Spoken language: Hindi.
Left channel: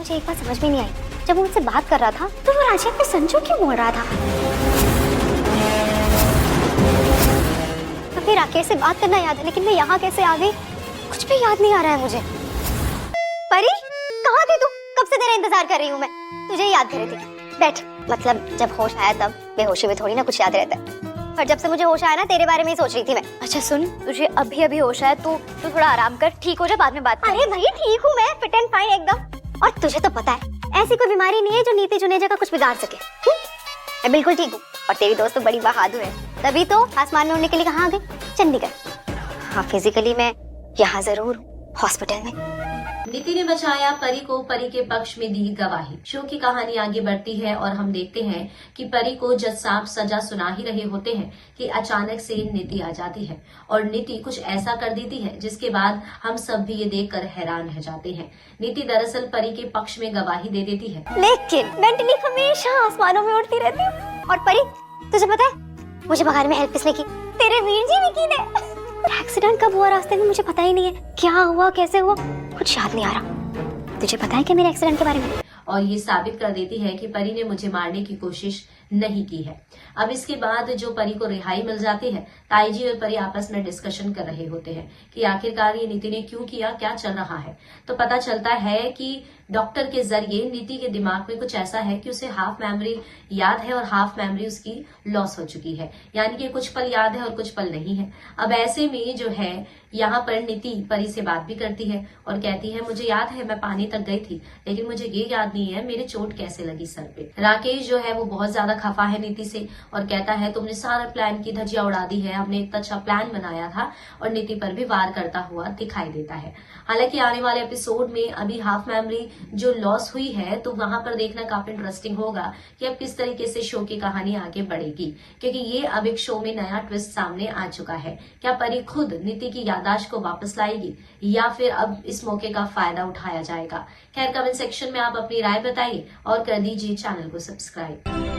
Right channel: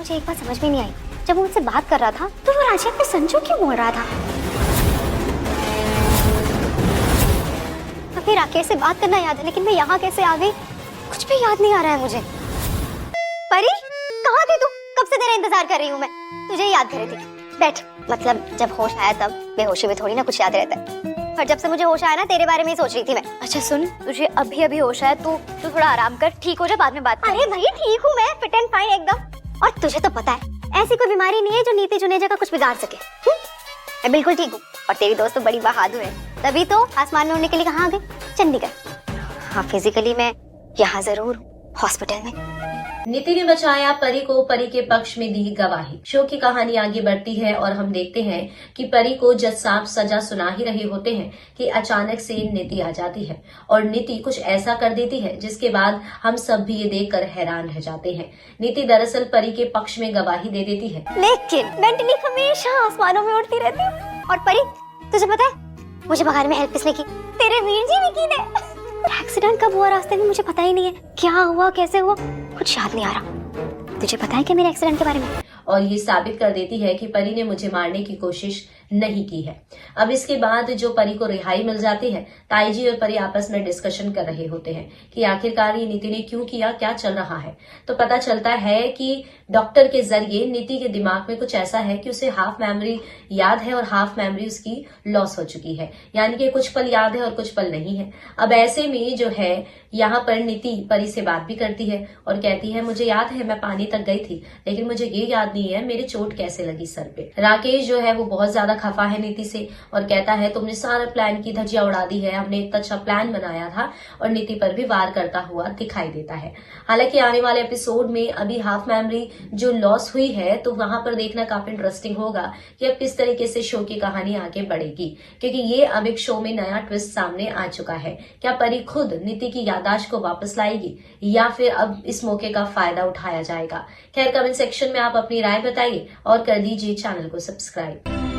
मुझे एक बात समझ में नहीं आई, जब वो मुझसे बात कर रहा था तो वो राशिया पे संजू क्यों बोल रहा था? तो फिर राकेश से बात करना याद है, लेकिन मैं यहाँ कैसे आ गई कुछ भी याद नहीं आ रहा है मुझे। परी कहाँ थी तू? कब से तेरा इंतजार कर रही हूँ मैं, तुझे ही याद कर रही थी। बैठ, मतलब जब होश आया तब, बेहोशी में थोड़ी ना कुछ याद रहता है। और जब से मुझे होश आया ना तेरे बारे में ही सोच रही थी मैं। अच्छा सुन, तुझे अभी अभी होश आया तो तू थोड़ा आराम कर, ठीक हो जा, बाद में बात करेंगे। अरे भाई ठीक हूँ मैं, फिट एंड फाइन एकदम। और तुझे तो पता है ऐसी कोई बीमारी नहीं है जो नीति जुनेजा का कुछ बिगाड़ सके। मैं बिल्कुल ठीक हूँ। और तेरी दोस्त तो बड़ी बहादुर है, तभी तो आसमान में उड़ने के लिए कहाँ आ गई? चंडीगढ़। हाँ फिजिकली मैं यहाँ जरूर हूँ, हॉस्पिटल में। नीति ने बचाया परी को, परी के पक्ष में दी गवाही। शो की कहानी आगे बढ़ती है और हम देखते हैं कि परी को जज साहब सजा सुना ही रहे होते हैं कि अचानक से नीति आ जाती है और नीति कुछ ऐसा कर देती है जिसके बाद हम सब भी ये देखकर हैरान रह जाते हैं। नीति दरअसल परी के पक्ष में गवाही दे देती है, लेकिन मेंटली हमेशा आसमानों में उड़ती रहती हूँ। और परी तुझे पता है मुझे भगाने में हेल्प किसने की? तेरे वीर जी विकी ने। एक्सीडेंट कब हुआ रास्ते में मुझे पता ही नहीं है, क्या हुआ कैसे हुआ कुछ याद नहीं आ रहा। तुझे पता है क्या मेरे एक्सीडेंट के बारे में? और ये साबित कर देती है कि परी ने मुझे मारने की कोशिश नहीं की है। अब इसके बाद जो परी को रिहाई मिल जाती है, ताई जी और परी आपस में डिस्कशन कर रहे होते हैं कि आखिरकार ये नीति ने क्यों किया, क्या चल रहा है। तो पता चलता है कि डॉक्टर के जरिए नीति के दिमाग में कुछ ऐसा है कि उसे हाफ मेमोरी याद है और हाफ मेमोरी उसकी लॉस हो चुकी है, यानी कि कुछ पल याद है और कुछ पल नहीं है। अब ऐसे में जो है यहाँ पर नीति परी से बात भी करती है और कहती है मुझे याद है मैं पानी तक गई थी, लेकिन मुझे ये याद नहीं है मेरे चोट कैसे लगी सर पे। राकेश जो है वो बहुत ज्यादा खफा है नीति से और कहता है तुमने सारा प्लान की धज्जियां उड़ा दी है, हमने इतना अच्छा प्लान बनाया था, और नीति पर भी वार करता हुआ दिखाई देता है। हालांकि आने वाले एपिसोड में अभी हाफ मेमोरी जो लॉस हुई है तो वहां पर देखना काफी इंटरेस्टिंग होगा कि अब किस तरीके से शो की कहानी आगे बढ़ेगी, क्योंकि ये अब एक शो में नया ट्विस्ट सामने आ चुका है। क्या परी खुद नीति की याददाश्त को वापस लाएगी या फिर अब इस मौके का फायदा उठाया जाएगा? खैर कमेंट सेक्शन में आप अपनी राय बताइए और कर दीजिए चैनल को सब्सक्राइब।